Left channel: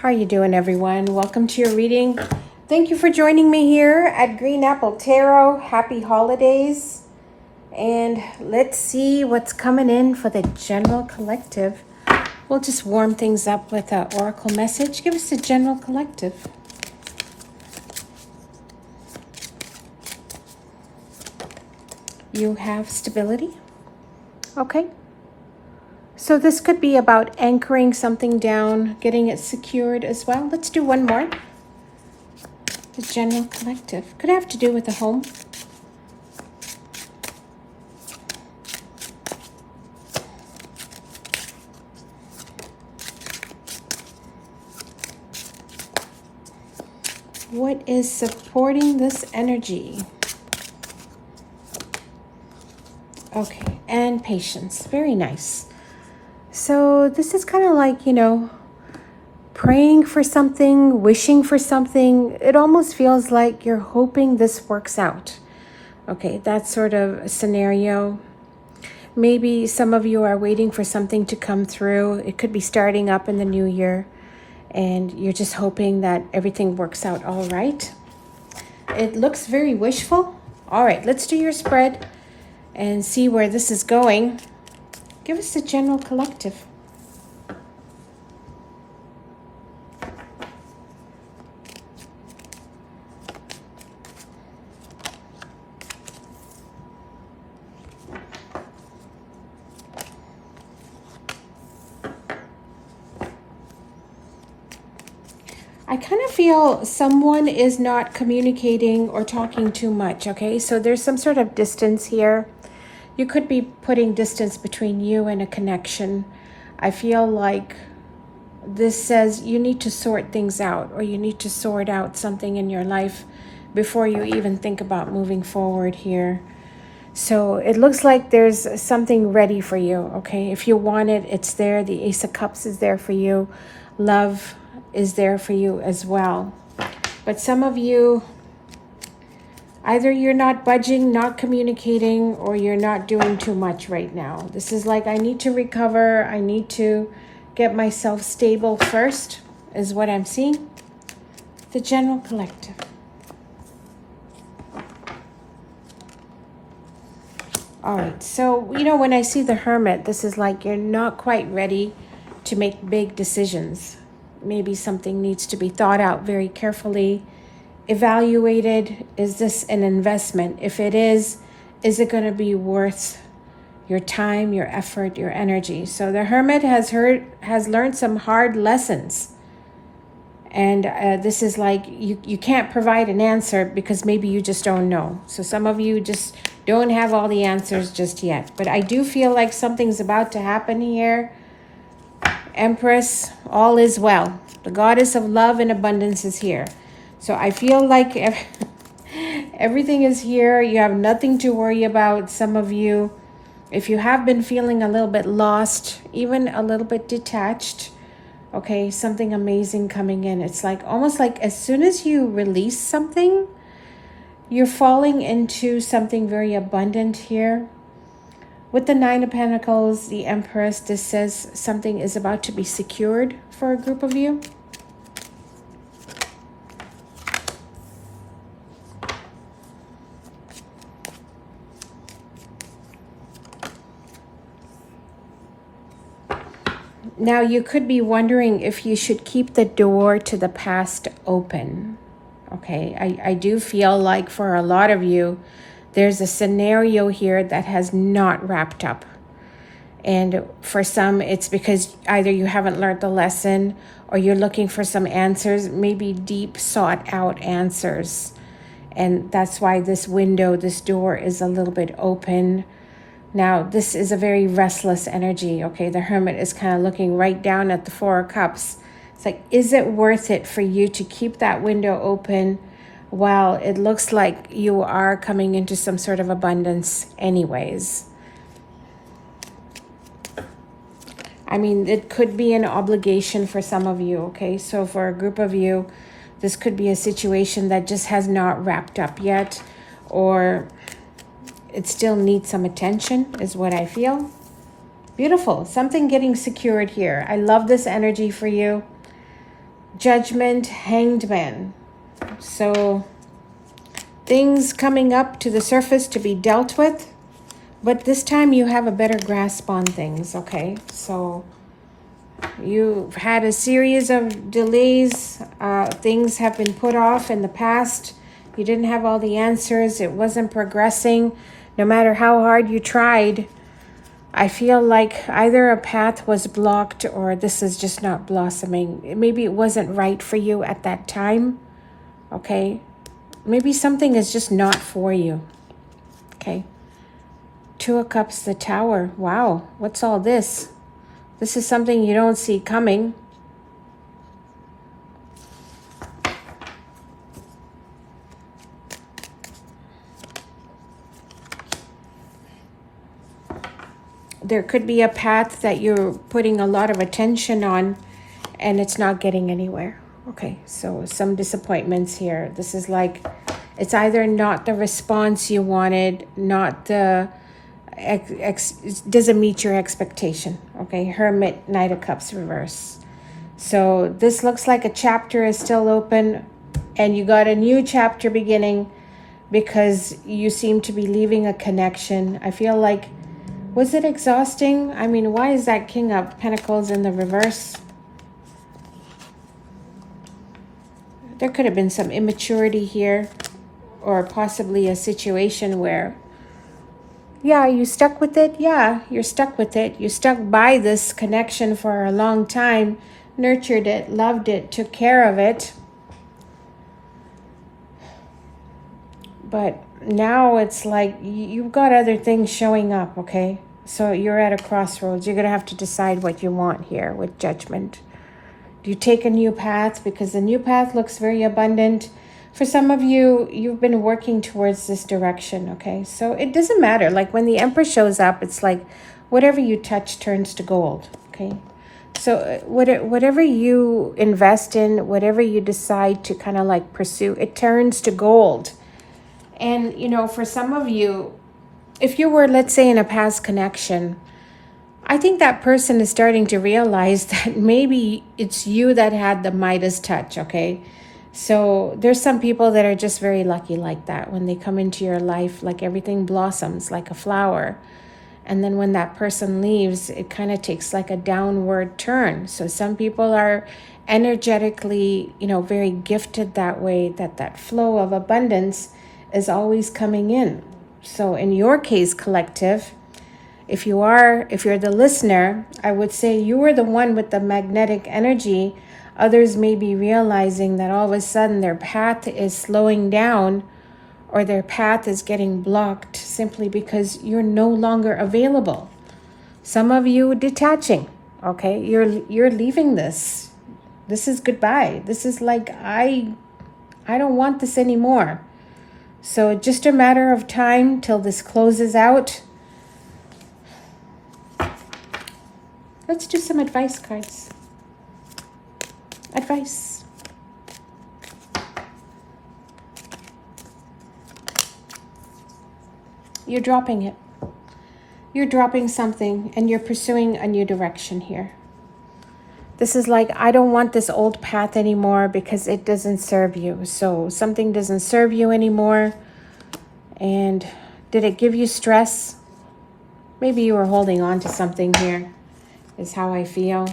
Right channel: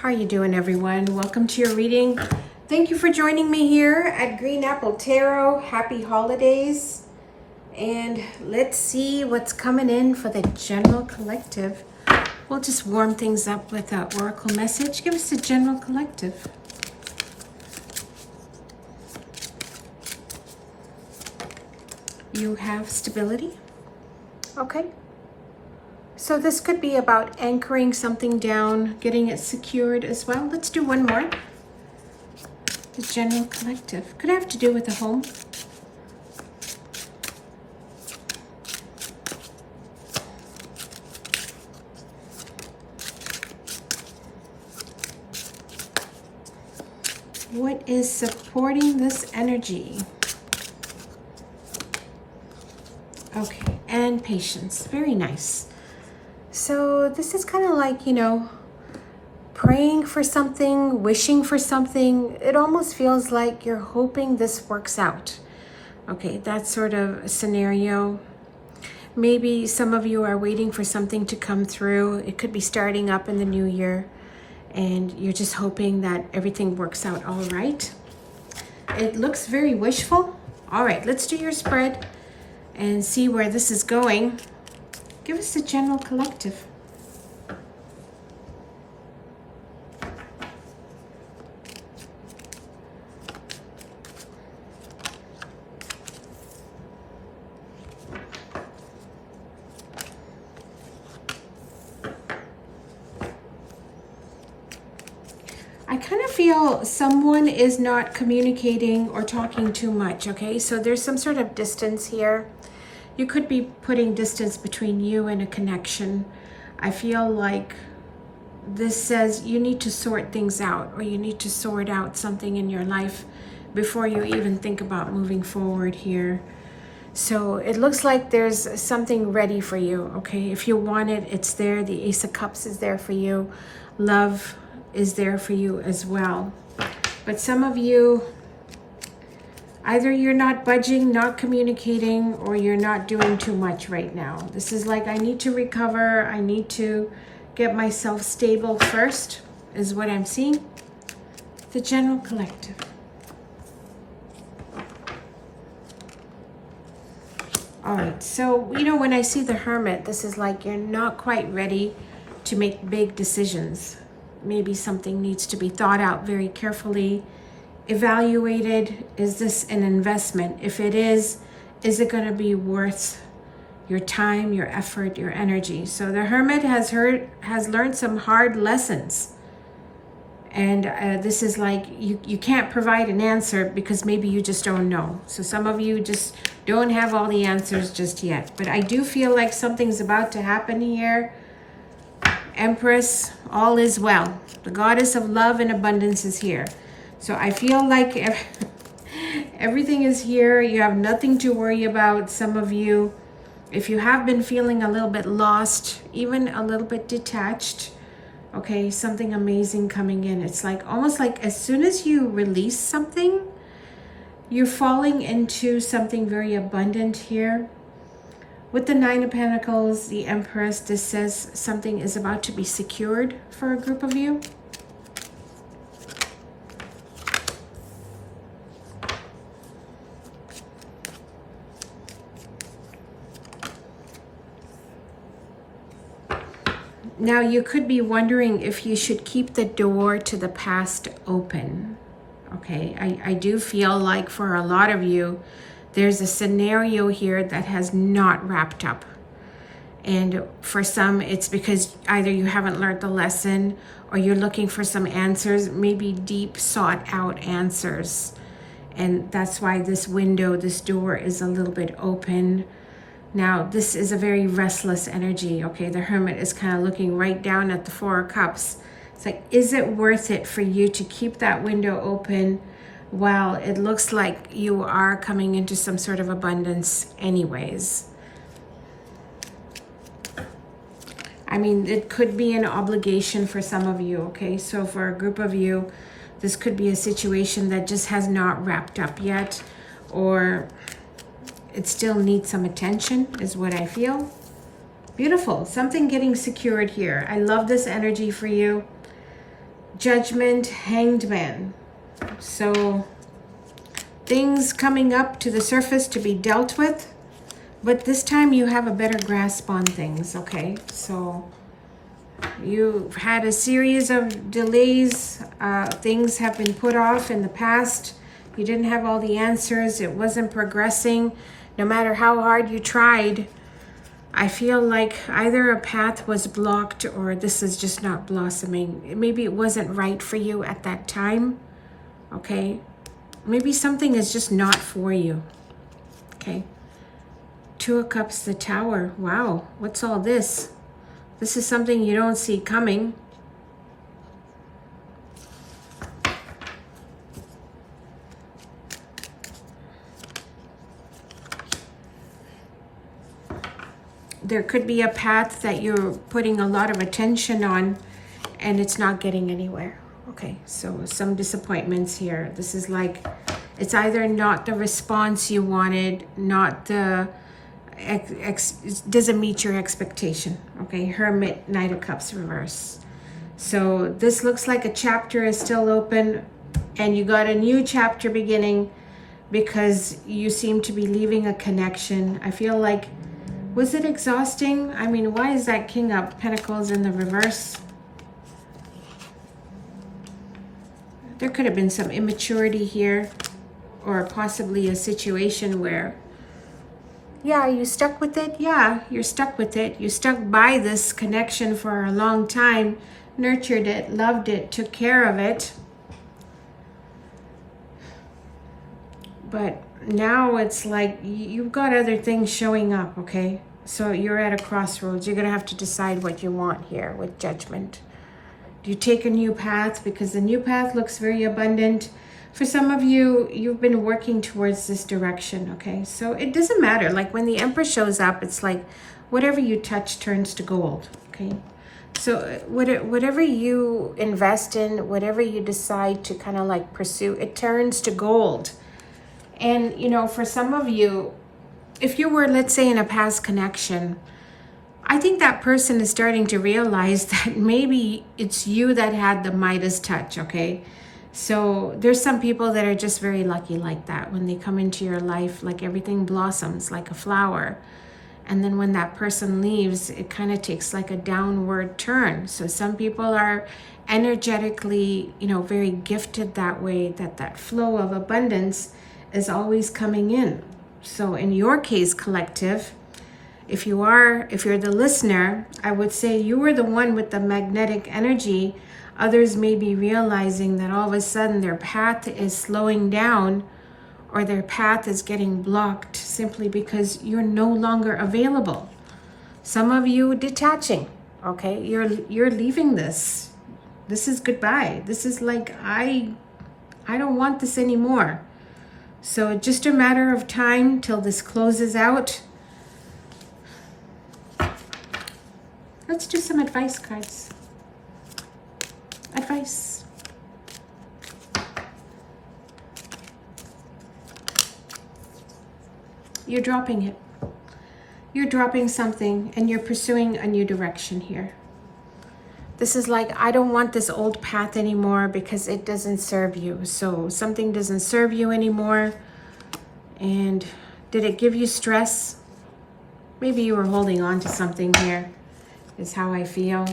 How are you doing, everyone? Welcome to your reading. Thank you for joining me here at Green Apple Tarot. Happy holidays. And let's see what's coming in for the general collective. We'll just warm things up with an oracle message. Give us the general collective. You have stability. Okay. So this could be about anchoring something down, getting it secured as well. Let's do one more. The general collective. Could have to do with a home. What is supporting this energy? Okay, and patience. Very nice. So this is kind of like, praying for something, wishing for something. It almost feels like you're hoping this works out. Okay, that sort of scenario. Maybe some of you are waiting for something to come through. It could be starting up in the new year, and you're just hoping that everything works out all right. It looks very wishful. All right, let's do your spread and see where this is going. Give us the general collective. I kind of feel someone is not communicating or talking too much, okay? So there's some sort of distance here. You could be putting distance between you and a connection. I feel like this says you need to sort things out, or you need to sort out something in your life before you even think about moving forward here. So it looks like there's something ready for you, okay? If you want it, it's there. The Ace of Cups is there for you. Love is there for you as well. But some of you, either you're not budging, not communicating, or you're not doing too much right now. This is like, I need to recover. I need to get myself stable first, is what I'm seeing. The general collective. All right, so, when I see the Hermit, this is like you're not quite ready to make big decisions. Maybe something needs to be thought out very carefully, evaluated. Is this an investment? If it is it going to be worth your time, your effort, your energy? So the Hermit has learned some hard lessons. And this is like, you can't provide an answer because maybe you just don't know. So some of you just don't have all the answers just yet. But I do feel like something's about to happen here. Empress, all is well. The goddess of love and abundance is here. So I feel like everything is here. You have nothing to worry about. Some of you, if you have been feeling a little bit lost, even a little bit detached, okay, something amazing coming in. It's like almost like as soon as you release something, you're falling into something very abundant here. With the Nine of Pentacles, the Empress, this says something is about to be secured for a group of you. Now, you could be wondering if you should keep the door to the past open. Okay, I do feel like for a lot of you, there's a scenario here that has not wrapped up. And for some, it's because either you haven't learned the lesson or you're looking for some answers, maybe deep sought out answers. And that's why this window, this door is a little bit open. Now, this is a very restless energy, okay? The Hermit is kind of looking right down at the Four of Cups. It's like, is it worth it for you to keep that window open while it looks like you are coming into some sort of abundance anyways? I mean, it could be an obligation for some of you, okay? So for a group of you, this could be a situation that just has not wrapped up yet, or it still needs some attention, is what I feel. Beautiful. Something getting secured here. I love this energy for you. Judgment, Hanged Man. So things coming up to the surface to be dealt with, but this time you have a better grasp on things, okay? So you've had a series of delays. Things have been put off in the past. You didn't have all the answers. It wasn't progressing. No matter how hard you tried, I feel like either a path was blocked or this is just not blossoming. Maybe it wasn't right for you at that time, okay? Maybe something is just not for you, okay? Two of Cups, the Tower. Wow, what's all this? This is something you don't see coming. There could be a path that you're putting a lot of attention on and it's not getting anywhere. Okay, so some disappointments here. This is like, it's either not the response you wanted, not the, doesn't meet your expectation. Okay, Hermit, Knight of Cups reverse. So this looks like a chapter is still open and you got a new chapter beginning because you seem to be leaving a connection. I feel like, was it exhausting? I mean, why is that King of Pentacles in the reverse? There could have been some immaturity here, or possibly a situation where, yeah, you stuck with it. Yeah, you're stuck with it. You stuck by this connection for a long time, nurtured it, loved it, took care of it. But now it's like you've got other things showing up, okay? So you're at a crossroads. You're going to have to decide what you want here with Judgment. Do you take a new path? Because the new path looks very abundant. For some of you, you've been working towards this direction, okay? So it doesn't matter. Like when the Emperor shows up, it's like whatever you touch turns to gold, okay? So whatever you invest in, whatever you decide to kind of like pursue, it turns to gold. And, you know, for some of you, if you were, let's say, in a past connection, I think that person is starting to realize that maybe it's you that had the Midas touch, okay? So there's some people that are just very lucky like that. When they come into your life, like everything blossoms like a flower. And then when that person leaves, it kind of takes like a downward turn. So some people are energetically, you know, very gifted that way, that flow of abundance is always coming in. So in your case, collective, if you're the listener, I would say you were the one with the magnetic energy. Others may be realizing that all of a sudden their path is slowing down or their path is getting blocked simply because you're no longer available. Some of you detaching, okay? You're leaving this. This is goodbye. This is like, I don't want this anymore. So just a matter of time till this closes out. Let's do some advice cards. Advice. You're dropping it. You're dropping something and you're pursuing a new direction here. This is like, I don't want this old path anymore because it doesn't serve you. So something doesn't serve you anymore. And did it give you stress? Maybe you were holding on to something here, is how I feel.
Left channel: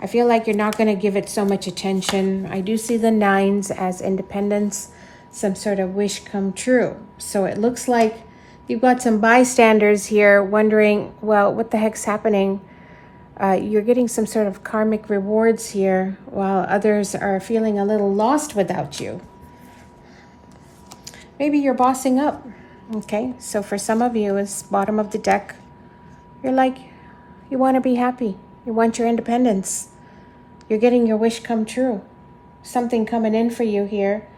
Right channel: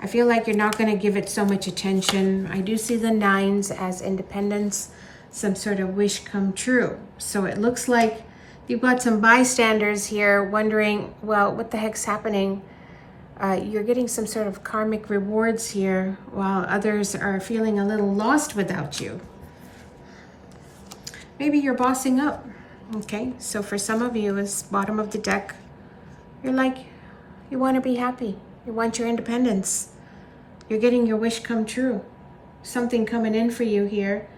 I feel like you're not going to give it so much attention. I do see the 9s as independence, some sort of wish come true. So it looks like you've got some bystanders here wondering, well, what the heck's happening? You're getting some sort of karmic rewards here while others are feeling a little lost without you. Maybe you're bossing up, okay? So for some of you, it's bottom of the deck. You're like, you want to be happy. You want your independence. You're getting your wish come true. Something coming in for you here.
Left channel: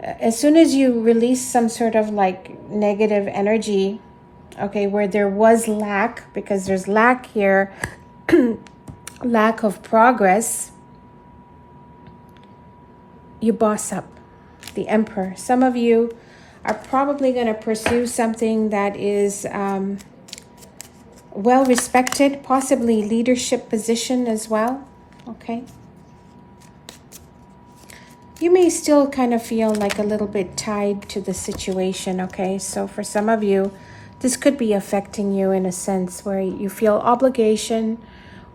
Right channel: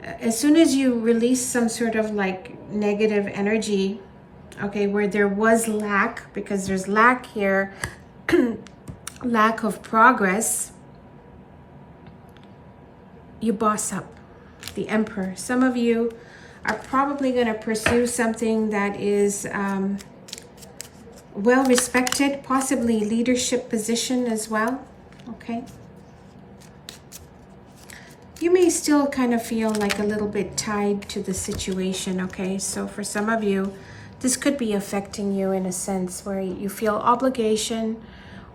As soon as you release some sort of like negative energy, okay, where there was lack, because there's lack here, lack of progress, you boss up. The Emperor. Some of you are probably going to pursue something that is well respected, possibly leadership position as well. Okay. You may still kind of feel like a little bit tied to the situation, okay? So for some of you, this could be affecting you in a sense where you feel obligation,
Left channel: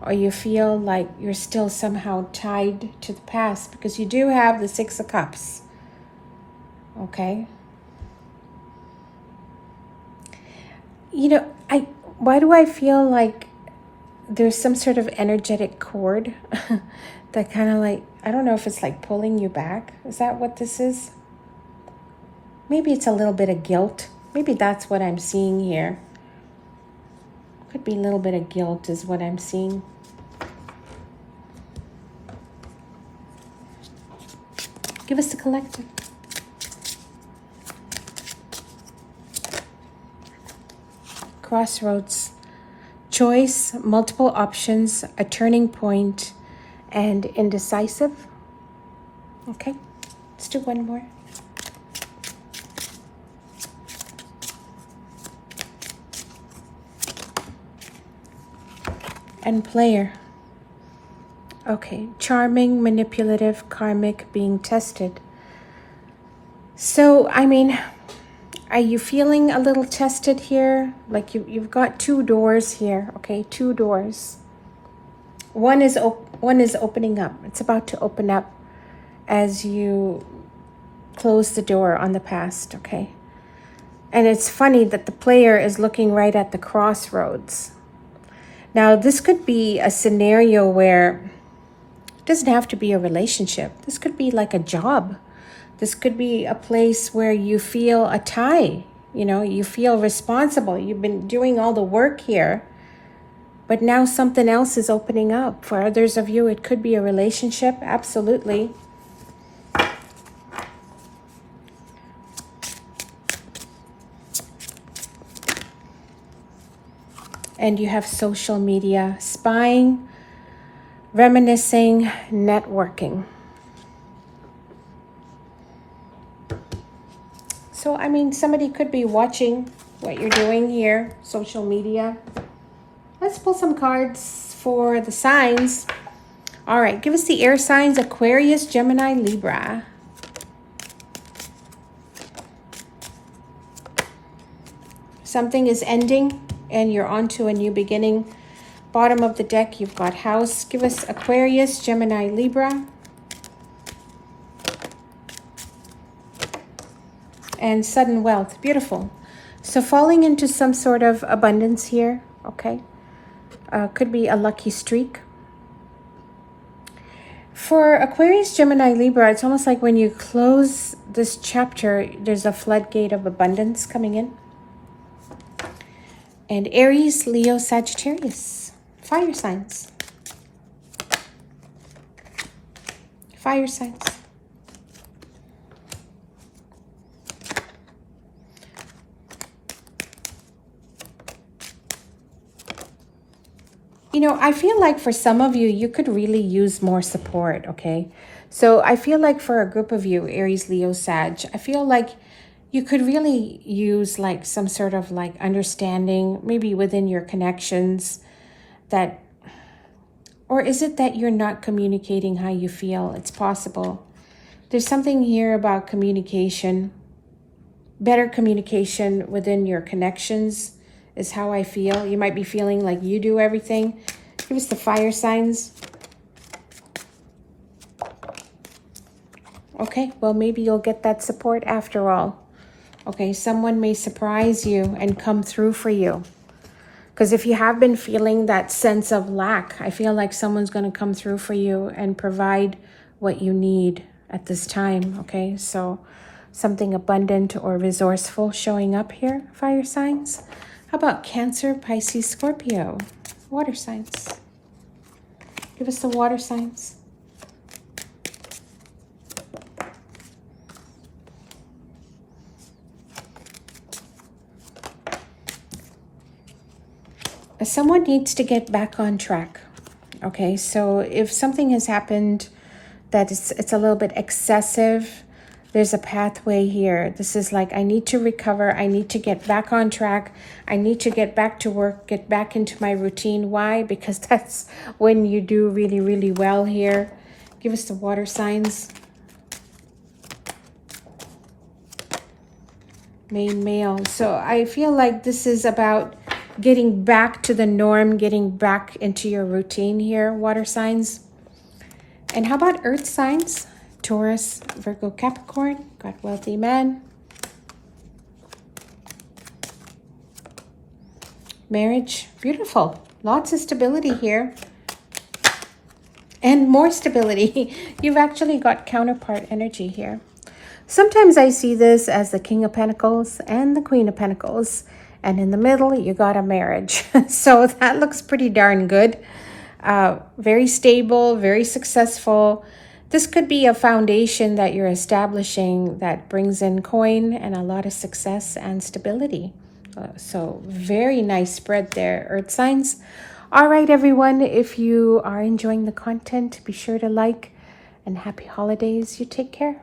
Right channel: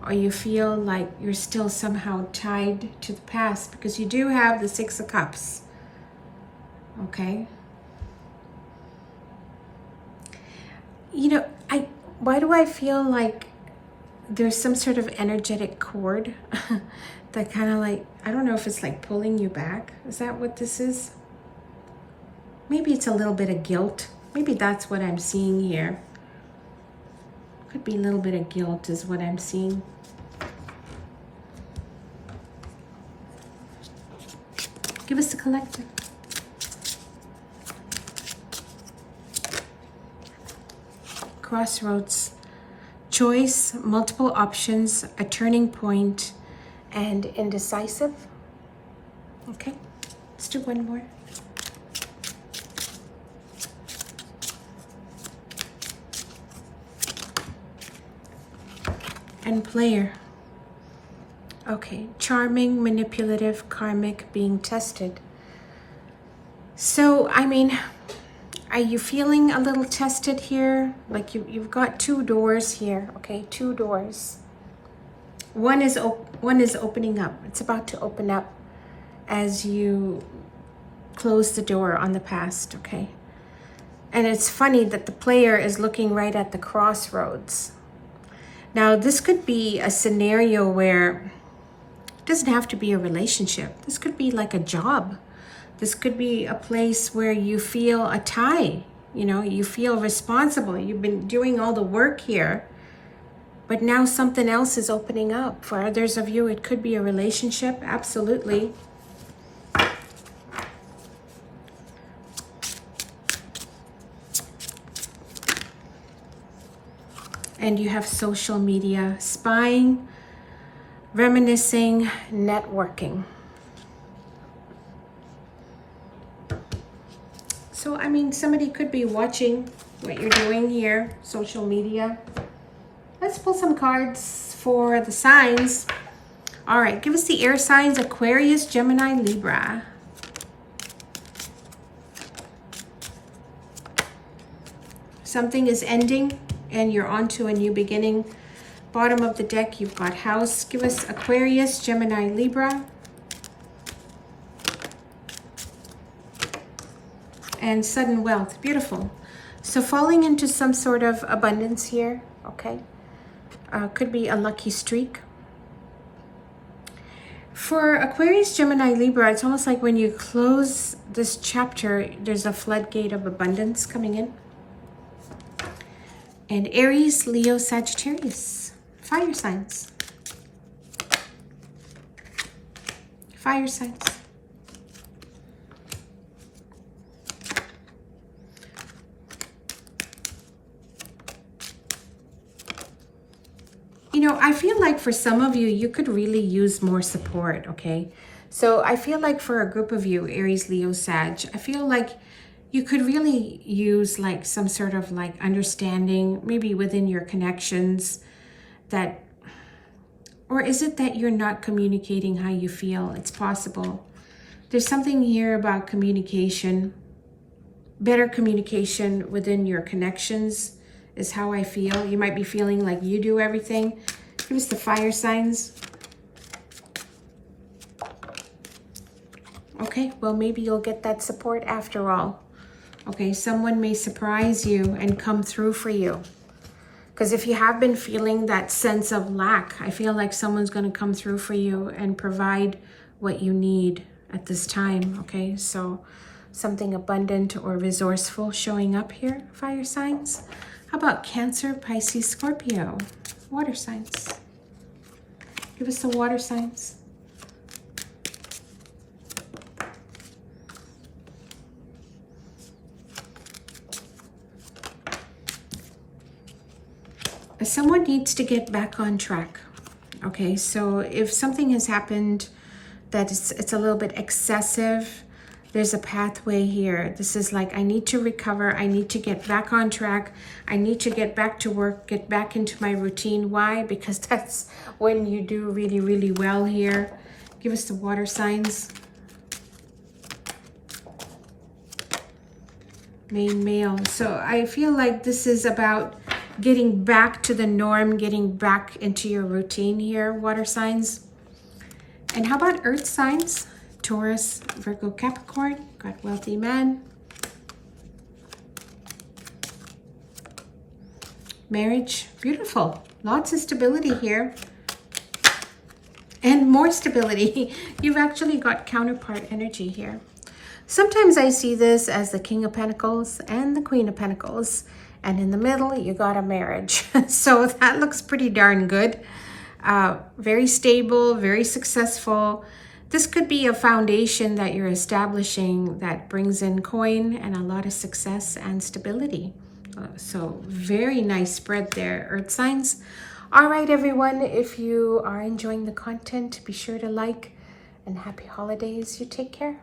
or you feel like you're still somehow tied to the past, because you do have the Six of Cups, okay? You know, why do I feel like there's some sort of energetic cord that kind of like, I don't know if it's like pulling you back. Is that what this is? Maybe it's a little bit of guilt. Maybe that's what I'm seeing here. Could be a little bit of guilt is what I'm seeing. Give us the collective. Crossroads. Choice, multiple options, a turning point, and indecisive. Okay, let's do one more. And player. Okay, charming, manipulative, karmic, being tested. So, I mean, are you feeling a little tested here? Like you've got two doors here, okay? Two doors. One is opening up. It's about to open up as you close the door on the past, okay? And it's funny that the player is looking right at the crossroads. Now, this could be a scenario where it doesn't have to be a relationship. This could be like a job. This could be a place where you feel a tie. You know, you feel responsible. You've been doing all the work here, but now something else is opening up. For others of you, it could be a relationship. Absolutely. And you have social media, spying, reminiscing, networking. So, I mean, somebody could be watching what you're doing here, social media. Let's pull some cards for the signs. All right, give us the air signs: Aquarius, Gemini, Libra. Something is ending and you're on to a new beginning. Bottom of the deck, you've got house. Give us Aquarius, Gemini, Libra. And sudden wealth. Beautiful. So falling into some sort of abundance here, okay? Could be a lucky streak. For Aquarius, Gemini, Libra, it's almost like when you close this chapter, there's a floodgate of abundance coming in. And Aries, Leo, Sagittarius. Fire signs. Fire signs. You know, I feel like for some of you, you could really use more support, okay? So I feel like for a group of you, Aries, Leo, Sag, I feel like you could really use like some sort of like understanding, maybe within your connections that, or is it that you're not communicating how you feel? It's possible. There's something here about communication, better communication within your connections is how I feel. You might be feeling like you do everything. Give us the fire signs. Okay, well, maybe you'll get that support after all. Okay, someone may surprise you and come through for you. Because if you have been feeling that sense of lack, I feel like someone's going to come through for you and provide what you need at this time. Okay, so something abundant or resourceful showing up here, fire signs. How about Cancer, Pisces, Scorpio? Water signs. Give us the water signs. Someone needs to get back on track. Okay, so if something has happened that it's a little bit excessive, there's a pathway here. This is like, I need to recover. I need to get back on track. I need to get back to work, get back into my routine. Why? Because that's when you do really, really well here. Give us the water signs. main male. So I feel like this is about getting back to the norm, getting back into your routine here, water signs. And how about earth signs? Taurus, Virgo, Capricorn. Got wealthy man. Marriage, beautiful. Lots of stability here. And more stability. You've actually got counterpart energy here. Sometimes I see this as the King of Pentacles and the Queen of Pentacles. And in the middle, you got a marriage. So that looks pretty darn good. Very stable, very successful. This could be a foundation that you're establishing that brings in coin and a lot of success and stability. So very nice spread there, earth signs. All right, everyone, if you are enjoying the content, be sure to like, and happy holidays. You take care.